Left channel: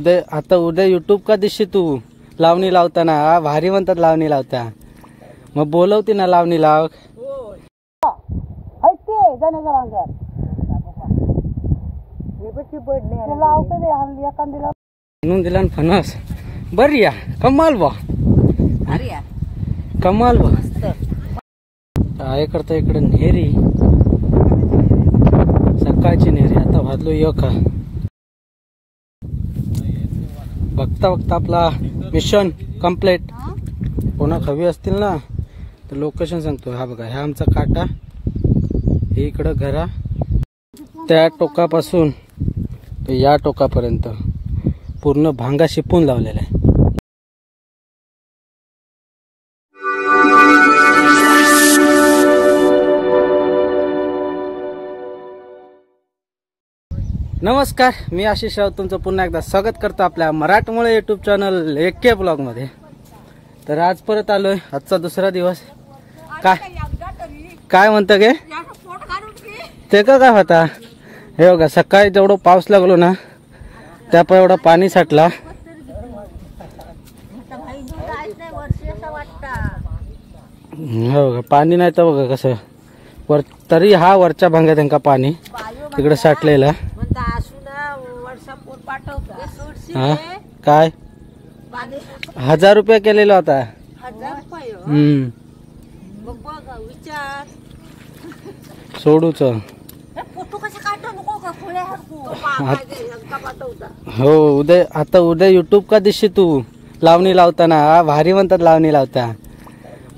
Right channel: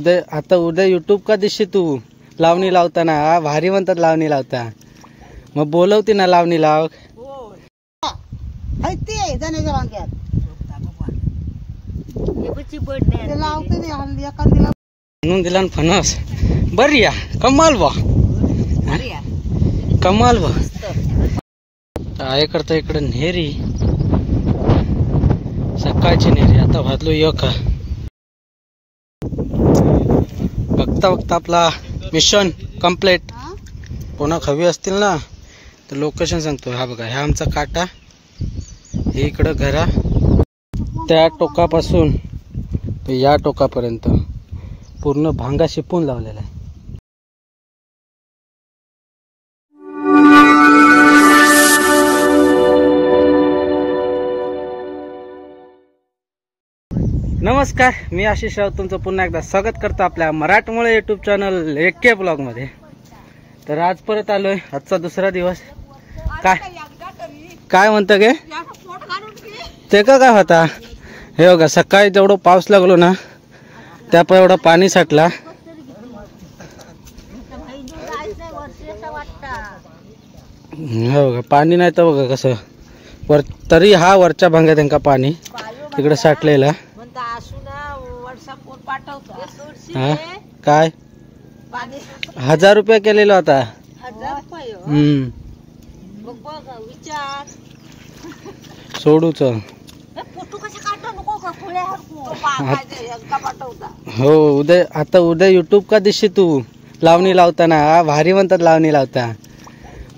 उद्या यूट्यूब का दिसशी तू लावणी लावताना. हा भारी म्हणतात लावणी लावता. मग बोलवते ना लावणी लाव. म्हणून दिला फणस. बरी या कमाल बा. कमाल बा. काय करता इकडे नेरी. सकाळची नेरी. आता भाजलो एक. बघता बघता आपला मिशन कंप्लीट. कोणा हवी असतील ना तर लोकेशन सांगतो. हा बघा, हा आमचा काटा. हे इकडं घरा. त्या टोकापासून तर या टोकापर्यंत पूर्ण भांगा शिपून लावलेला आहे. नमस्कार, मी आशिष राऊत तुमचं पुन्हा एकदा स्वागत करतो आपल्या मराठमोळे यूट्यूब चॅनल एके ब्लॉग मध्ये. तर आज परत आलोय. आजचा दुसरा दिवस. काय म्हणतं गे ते का काय होता. हे बघा, सकाळी जेवढं पाऊस लागलो ना त्या एवढं पाणी साठला. हो बघा, पाणी नाही तर बघा कसं वर. तरी हा वरच्या भांग्यात त्यांका पाणी तिकडे साठलेला. हा काय 1000 रुपये केलेला होता. सोडूच. हो उद्या यूट्यूब का दिसशी तू लावणी लावताना. हा भारी म्हणतात लावणी लावता.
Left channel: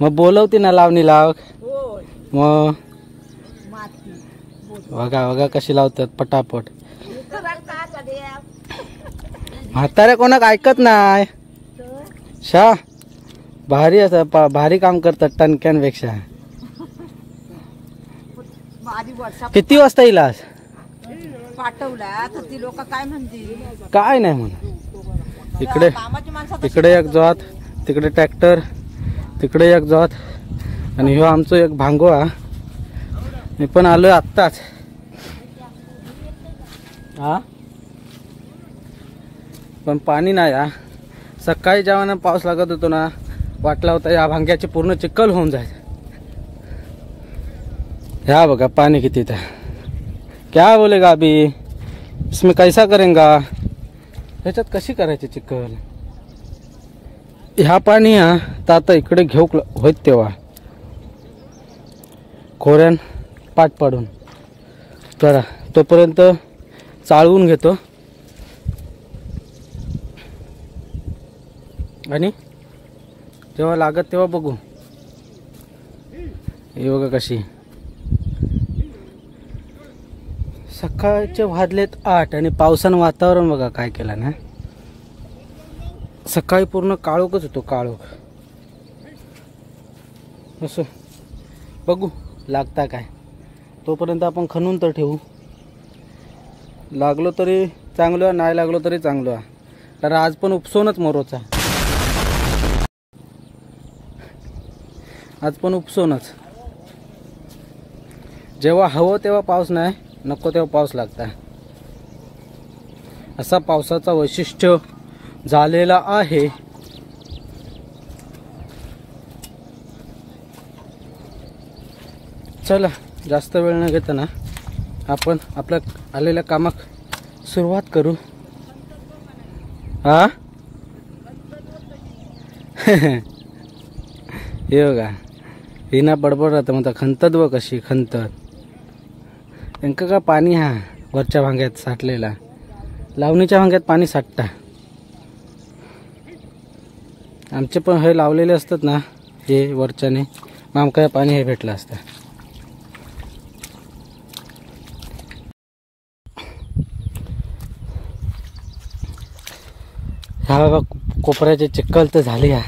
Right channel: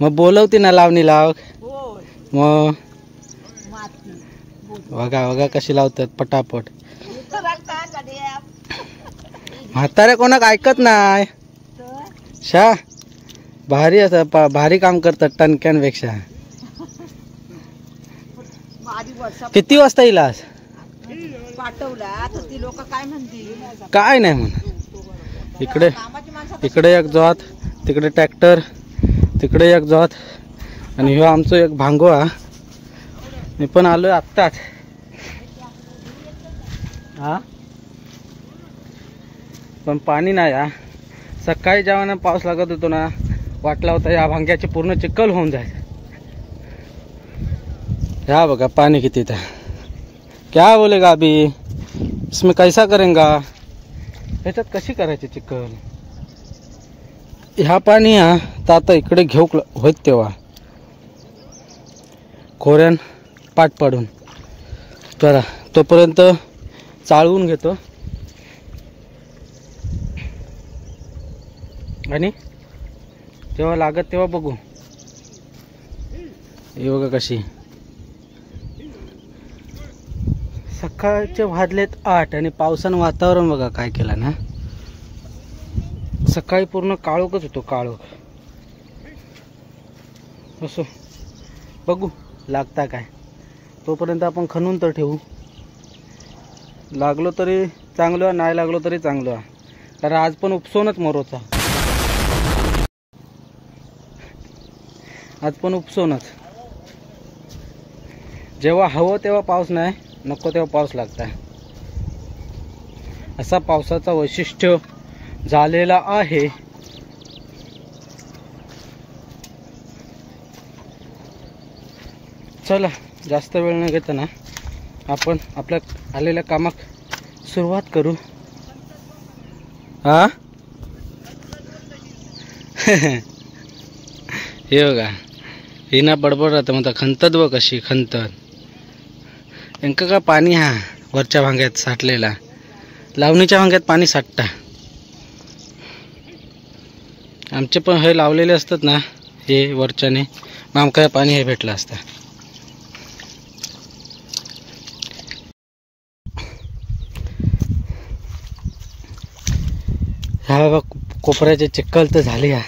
मग बोलवते ना लावणी लाव. मग बघा बघा कशी लावतात पटापट. म्हातारे कोणाक ऐकत नाही. शा भारी असं भारी काम करतात टणक्यांपेक्षा. किती वाजता येईल आज. काय नाही म्हणा. इकडे एक जोत, तिकडे ट्रॅक्टर, तिकडे एक जोत आणि ह्यो आमचं एक भांगोळा. मी पण आलोय आत्ताच. हा पण पाणी नाही. हा सकाळी जेव्हा पाऊस लागत होतो ना वाटला होता या भांग्याचे पूर्ण चिखल होऊन जायचं. ह्या बघा पाणी किती था. क्या बोलेगा अभी इसमें कैसा करेंगा. ह्याच्यात कशी करायची चिखल. ह्या पाणी हा तर आता इकडे घेऊ होत तेव्हा खोऱ्यान पाठ पाडून. तर तोपर्यंत चाळवून घेतो आणि तेव्हा लागत तेव्हा बघू. हे बघा कशी. सकाळचे वाजलेत 8 आणि पावसानं वातावरण बघा काय केलं ना. सकाळी पूर्ण काळोखच होतो. काळोख. असो बघू लागता काय. तोपर्यंत आपण खणून तर ठेवू. लागलो तरी चांगलं, नाही लागलो तरी चांगलं. तर आज पण उपसूनच मरोचा. आज पण उपसूनच. जेव्हा हवं तेव्हा पाऊस नाही, नको तेव्हा पाऊस लागता. असा पावसाचा वैशिष्ट्य झालेला आहे. चला जास्त वेळ न घेता ना आपण आपल्या आलेल्या कामाक सुरुवात करू. हा हे बघा, ही ना बडबड राहतं म्हणता. खंतत व कशी खंतत. यांका का पाणी हा वरच्या भांग्यात साठलेला. लावणीच्या भांग्यात पाणी साठता. आमचे पण हे लावलेले असतात ना हे वरच्याने. मग आमका पाणी हे भेटलं असतं. हा बाबा कोपऱ्याचे चिखल तर झाले. हा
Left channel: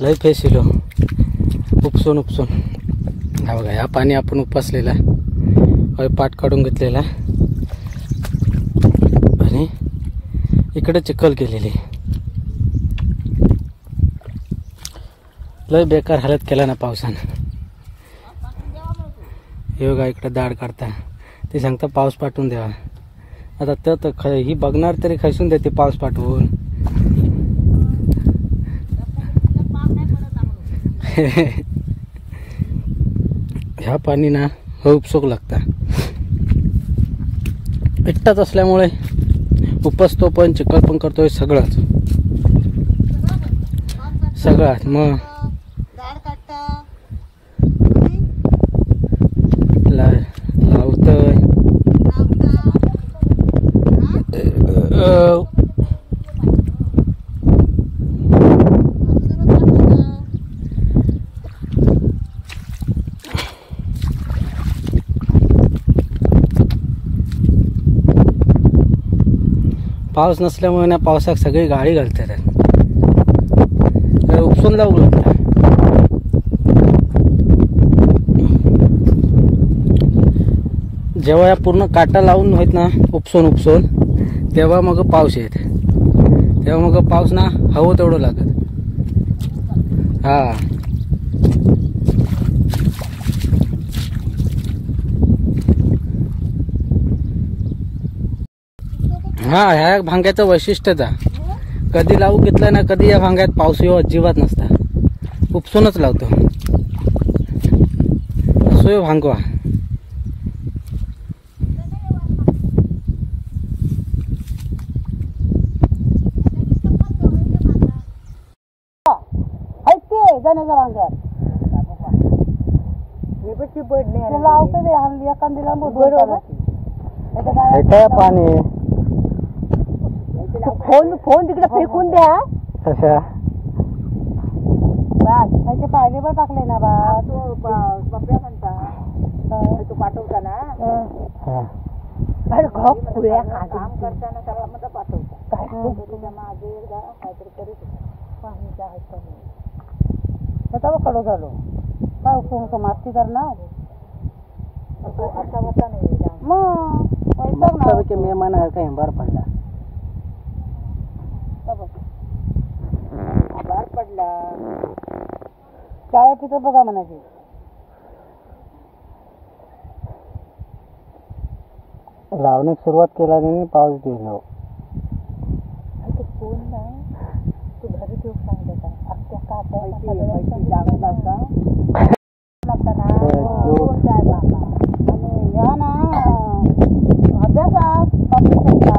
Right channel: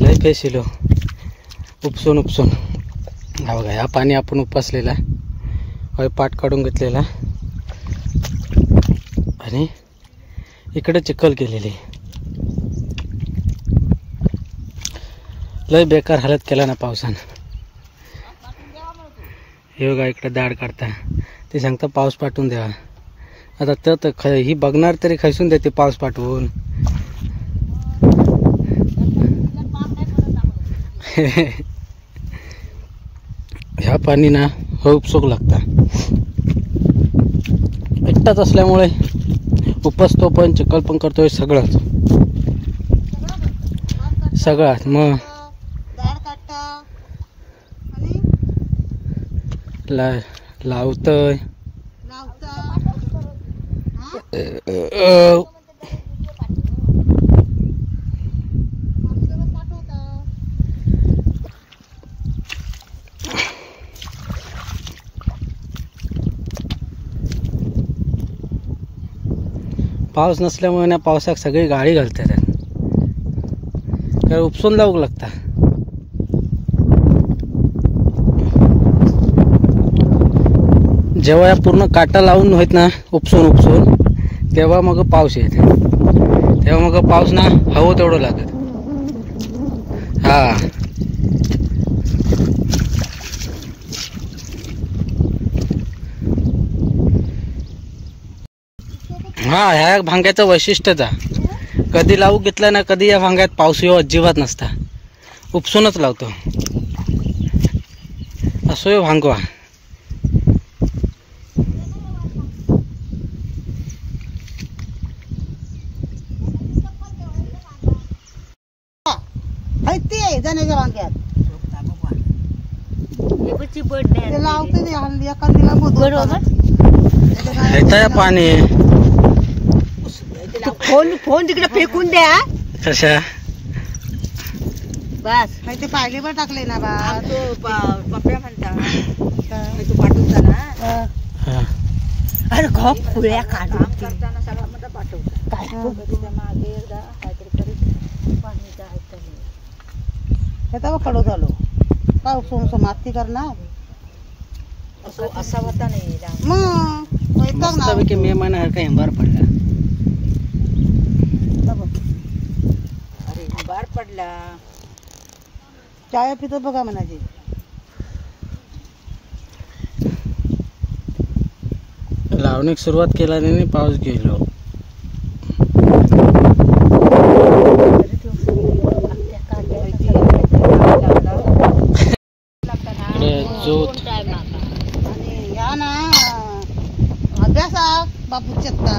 लय फेसिलो उपसून उपसून. हा बघा, ह्या पाणी आपण उपसलेला पाठ काढून घेतलेला आणि इकडे चिखल केलेली. लय बेकार हालत केला ना पावसानं. हे बघा इकडे दाढ काढता. ते सांगता पाऊस पाठवून द्यावा. आता ही बघणार तरी खैसून देते पाऊस पाठवून. ह्या पाणी ना उपसोक लागता. एकटाच असल्यामुळे उपसतो पण चिखल पण करतोय सगळंच मग लावतोय. पाऊस नसल्यामुळे ना पावसात सगळी गाडी घालतात तर उपसून लावू लागतात. जेव्हा या पूर्ण काटा लावून होत ना उपसून तेव्हा मग पाऊस येत. तेव्हा मग पाऊस ना हवं तेवढं लागत. ह्या भांग्याचं वैशिष्ट्यच आहे. कधी लावू घेतलं ना कधी या भांग्यात पाऊस येऊ अजिबात नसता. उपसूनच लावतो असो भांगवा. जाण्याच्या वांग्यात पाणी फोन तिकडे फेकून द्या. कशा बस ते पाहिले पण टाकले ना बा. पप्प्या म्हणता तू पाठवता ना. अरे खूप पुळ्या काढून करताना सगळं म्हणता पाठवता काय मागे पाणी जायचं नाही. कडो झालो काय उपसून माती करणार असा होता नाही. मग मे महिना काही बार पडला. बार पडला चाय पितो बघा म्हणाची. लावणीक सुरुवात केला नाही पाऊस गेलो. अभ्यासात बापू चेता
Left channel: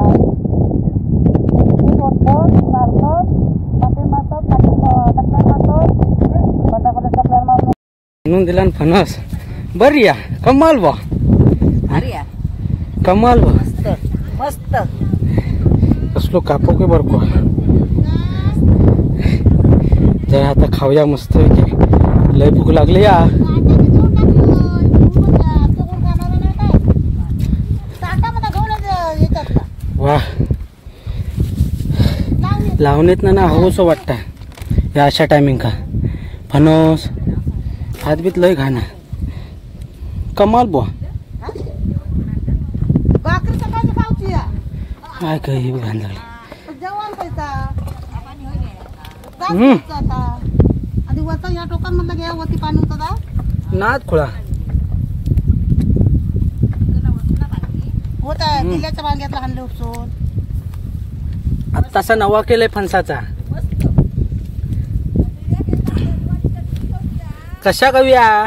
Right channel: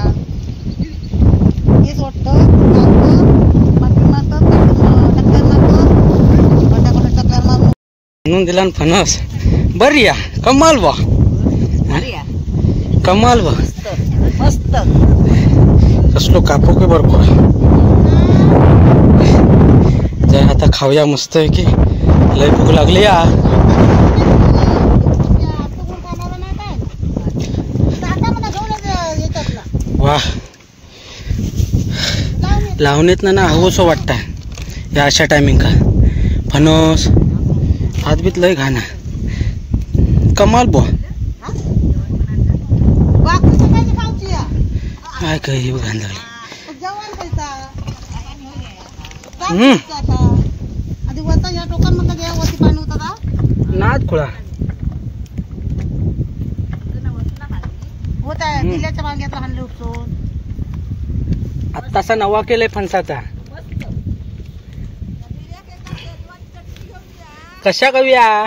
हेच वाटतं म्हणून दिला फणस. बरी या कमाल बा. कमाल बा मस्त कसलो कापो की बरको. जर आता खाऊया मस्त की लय भूक लागली या. वा लावणीत ना हवंसं वाटतं या अशा टायमिंग का. फणस हात बीत लय घाणा कमाल बुवा. काय काही घाण लागली. नाद खुळा होत आहे. दिल्याच्या वांग्यातला हाणले उपसून आत्ताचा नवा केलाय फणसाचा. कशा करूया.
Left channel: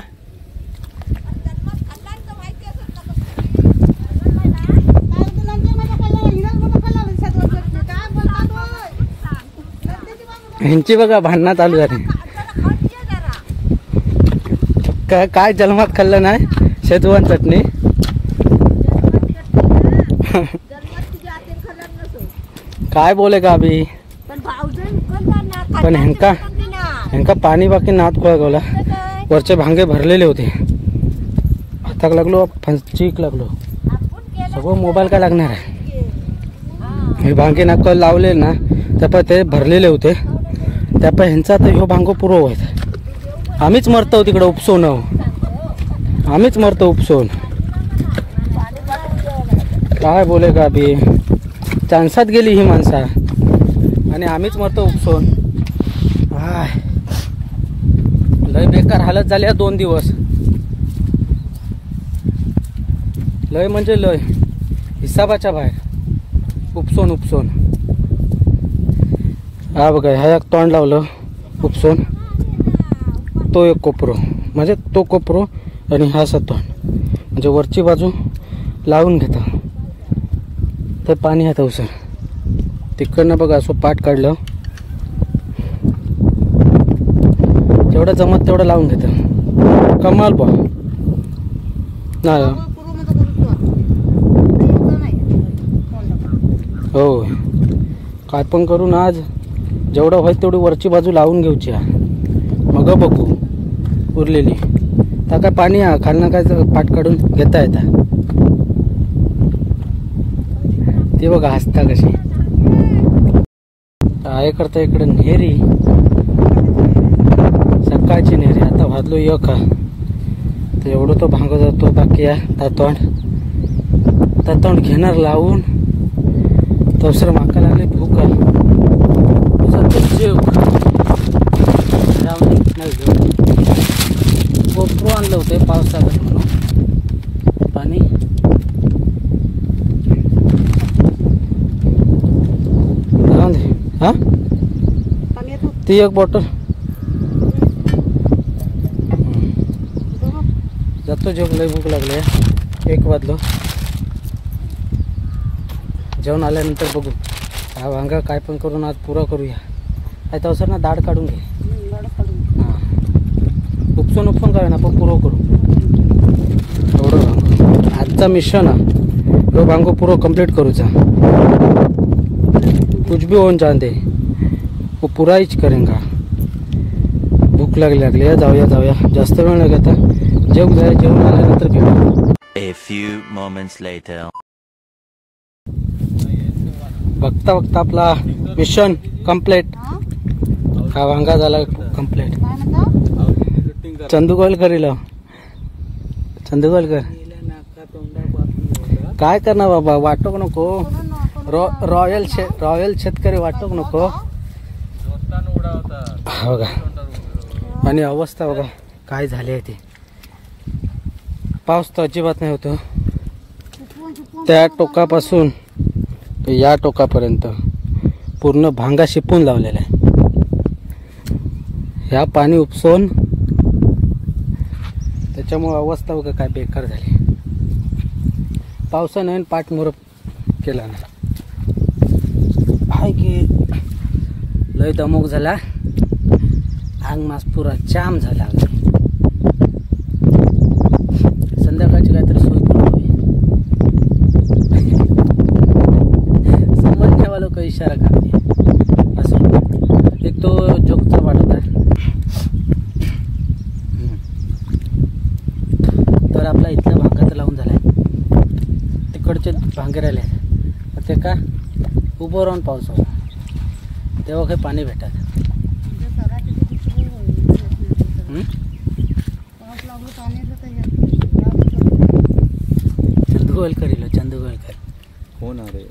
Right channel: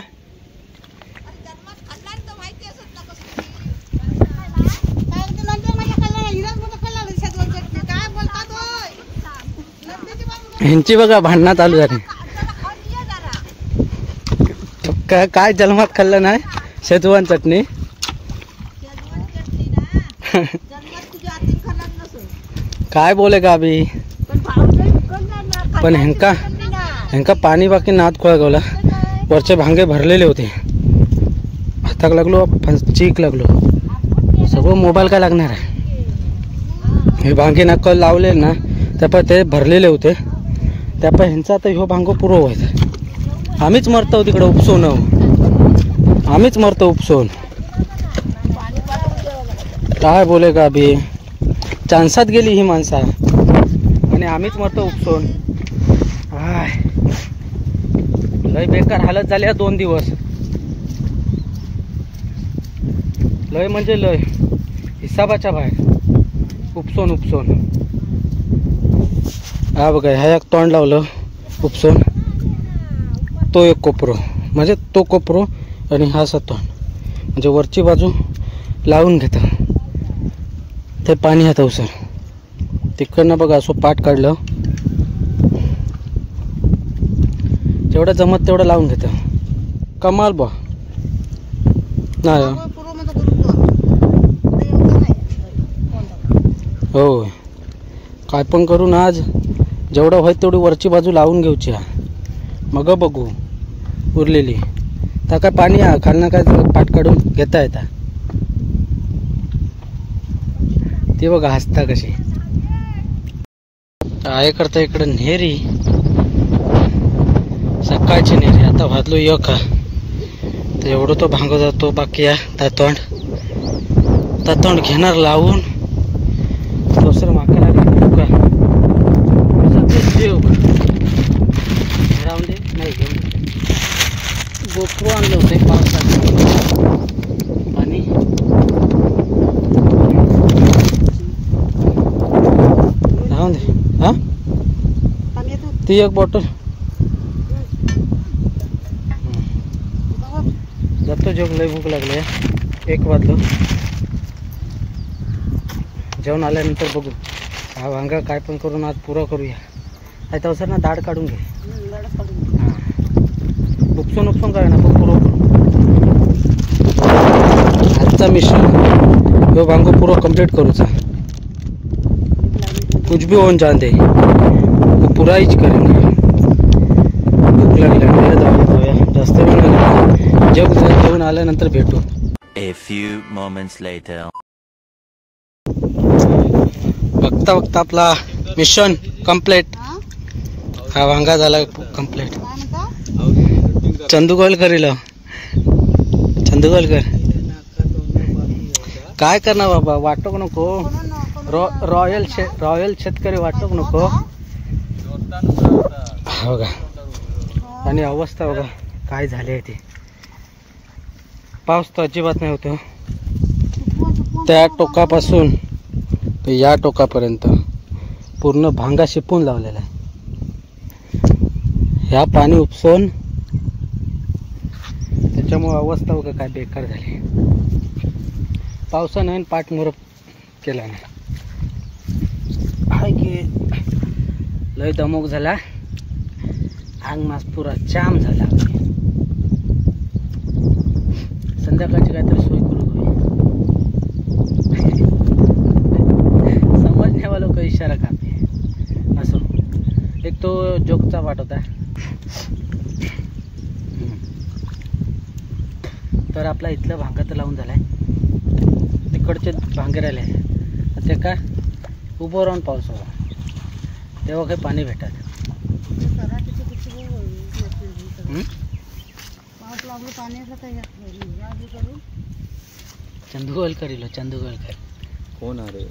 ह्यांची बघा भांडणं चालू झाली. काय जन्मात खाल्लं नाही शेजवान चटणी. काय बोले का अभी पण ह्यांका पाणी बाकी नाद खोळा गवला. वरचे भांगे भरलेले होते. हाताक लागलो चीक लागलो सगळं. मोबाईल काय लागणार आहे. हे भांगे ना कल लावले ना त्यापा ते भरलेले होते. त्यापा ह्यांचा तर ह्यो भांगो पुरो व्हायचा. आम्हीच मरतो तिकडे उपसून. आम्हीच मरतो उपसून. काय बोले का अभी चान्सात गेली ही माणसा आणि आम्हीच मरतो उपसून. लय बेकार हालत झाली 2 दिवस. लय म्हणजे लय हिसाबाच्या बाहेर. उपसून हा बघा, ह्या एक तोंड लावलं उपसून, तो एक कोपरो, म्हणजे तो कोपरो आणि हा असा तोंड, म्हणजे वरची बाजू लावून घेतं ते पाणी हात उसर. तिकडनं बघा असं पाठ काढलं, जेवढं जमत तेवढं लावून घेतं. कमाल बा नाही हो, काय पण करून आज जेवढं होईल तेवढी वरची बाजू लावून घेऊची, मग बघू उरलेली. तर काय पाणी खालनं काय पाठ काढून घेता येता. ते बघा हसता कशी आहे करता. इकडं नेरी, सकाळची नेरी. आता भाजलो एक तर एवढं तो भांग जातो. बाकी तोंड घेणार लावून दुसरं माका लागेल जीव नाही घेऊन. गोप्रो आणलं होतं पावसाचं पाणी. हा ती एक बॉटल जातो. जेवण लई भूक लागली, 1 वाजलो. जेवण आल्यानंतर बघू हा वांगा काय पण करून आज पुरा करूया. आहे तर सर ना दाढ काढून घे. हां उपसून करा ना, पण पुरं करू. आजचा मिशन तो वांगो पुरो कंप्लीट करूचा. कुछ भी होऊन जान दे, वो पुरा हीच करेंगे. भूक लागली, जाऊया. जास्त वेळ नाही लागला. जेवण आल्यानंतर भेटू. A few moments later. बघता आपला मिशन कंप्लीट. हा वांगा झाला कंप्लीट. चंदू गोलकर काय करणार बाबा, वाटोक नको. रॉयल शेतकरी वाटोक नको. बघा आणि अवस्था बघा काय झाली आहे ती. पाऊस तर अजिबात नाही होतो. त्या टोकापासून या टोकापर्यंत पूर्ण भांगा शिपून लावलेला आहे. ह्या पाणी उपसून त्याच्यामुळे अवस्था बघा काय बेकार झाली. पावसानं पाठमोर केला ना, हाय की लय दमक झाला. अंग मास पुरा जाम झाला. संध्याकाळची काहीतरी सोय करू. समजण्यावाला लोक इशारा करते असं. एक तो जोकचा वाटत आहे. तर आपला इथला भांगा तर लावून झालाय. तिकडचे भांगे राहिले ते का उभं राहून पाऊस होता तेव्हा काही पाणी भेटत. चंदू गोलकर कोण अरे?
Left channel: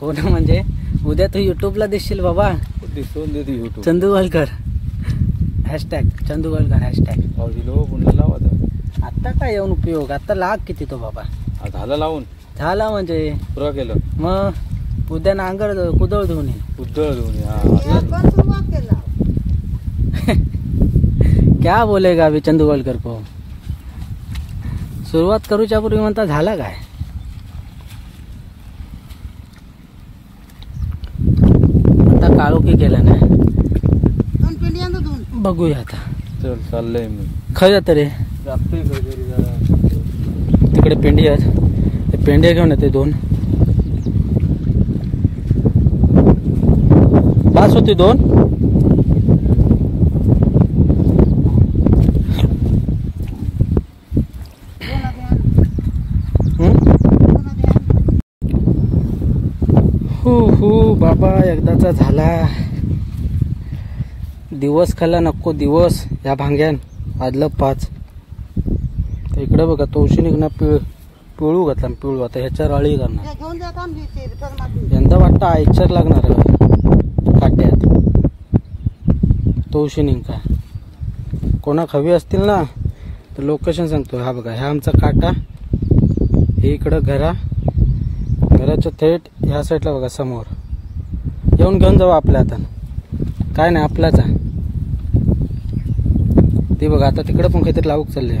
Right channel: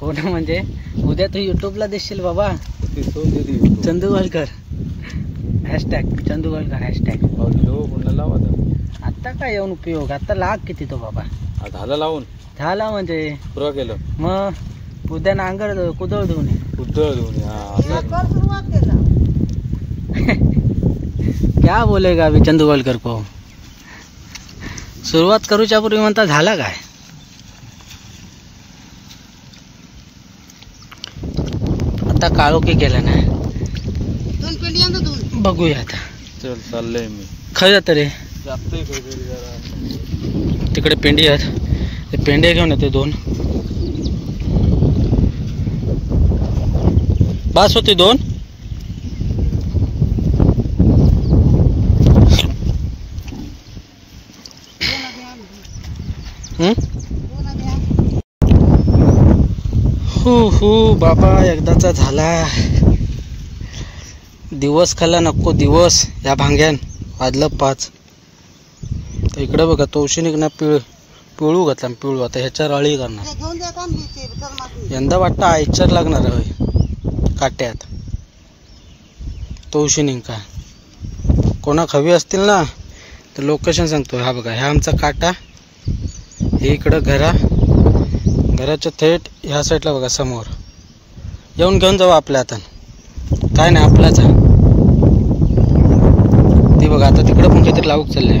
कोण म्हणजे उद्या तू युट्यूबला दिसशील बाबा. Chandu Golkar hashtag Chandu Golkar hashtag. आता काय येऊन उपयोग, आता लाग किती तो बाबा. झाला लावून झाला म्हणजे पुरा केलं. मग उद्या नांगर कुदळ धुवून क्या बोलेगा अभी चंदू गोलकर को. सुरुवात करूच्या पूर्वी म्हणता झाला काय. आता काळोखी केलं ना, बघूया आता. चल चाललंय मी. खय जात रे तिकडे पेंडी आहेत, ते पेंड्या घेऊन येते 2. बास होती 2. हू बाबा एकदाचा झाला. दिवस खाल्ला नको दिवस या भांग्यान. वाजलं 5. तर इकडे बघा तवशिनीकना पिळू घातला. पिळू आता ह्याच्यावर अळी करणार. यंदा वाटतं आयचर लागणार आहे काट्यात. तवशिनी का कोणाक हवी असतील ना तर लोकेशन सांगतो. हा बघा ह्या आमचा काटा, हे इकडं घरा घराच्या थेट ह्या साईडला बघा समोर येऊन घेऊन जाऊ आपल्या हातान, काय नाही आपलाच आहे ती बघा. आता तिकडं पण काहीतरी लावूक चालले,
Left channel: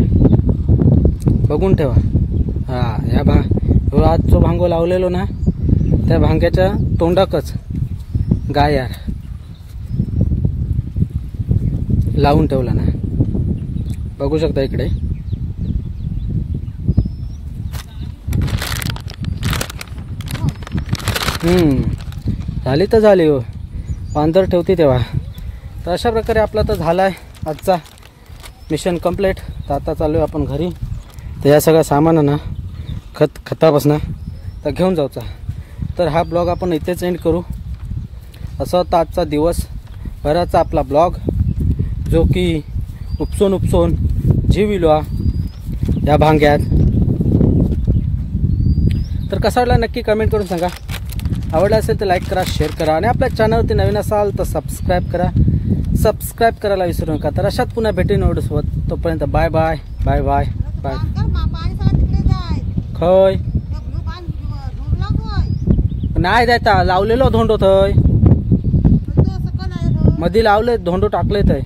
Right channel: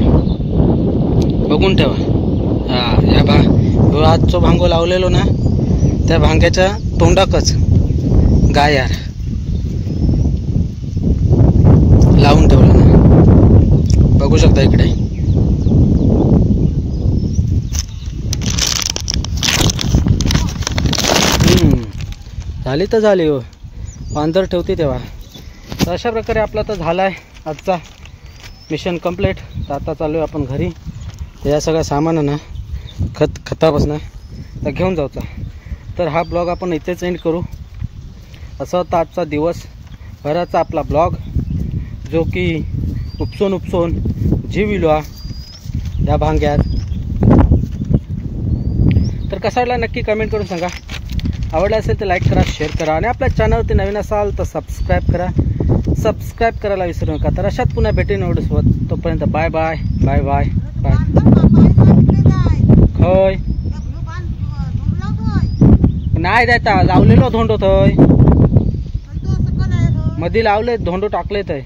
बघून ठेवा. हा ह्या आज जो भांगो लावलेलो ना त्या भांग्याच्या तोंडाकच गाय यार लावून ठेवलं ना, बघू शकता इकडे. झाली तर झाली हो, पांढर ठेवते तेव्हा. तर अशा प्रकारे आपला तर झाला आहे आजचा मिशन कंप्लीट. तर आता चालू आहे आपण घरी. तर या सगळं सामान ना खतापासून तर घेऊन जाऊचा. तर हा ब्लॉग आपण इथेच एंड करू. असा होता आजचा दिवस भराचा आपला ब्लॉग, जो की उपसून जीव इलो या भांग्यात. तर कसा वाटला नक्की कमेंट करून सांगा. आवडला असेल तर लाईक करा, शेअर करा आणि आपल्या चॅनलवरती नवीन असाल तर सबस्क्राईब करा. सबस्क्राईब करायला विसरू नका. तर अशात पुन्हा भेटेन व्हिडिओसोबत. तोपर्यंत bye bye bye bye bye. खय नाही जायता लावलेलो धोंडो थंय मध्ये लावले धोंडो टाकले थंय.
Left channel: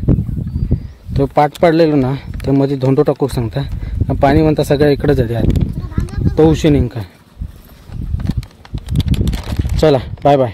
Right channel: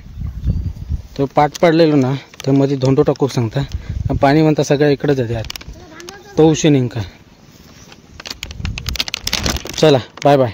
तो पाठ पडलेलो ना तर मध्ये धोंडो टाकू सांगता. पाणी म्हणता सगळ्या इकडे जाते तो उशी नेमका. चला बाय बाय.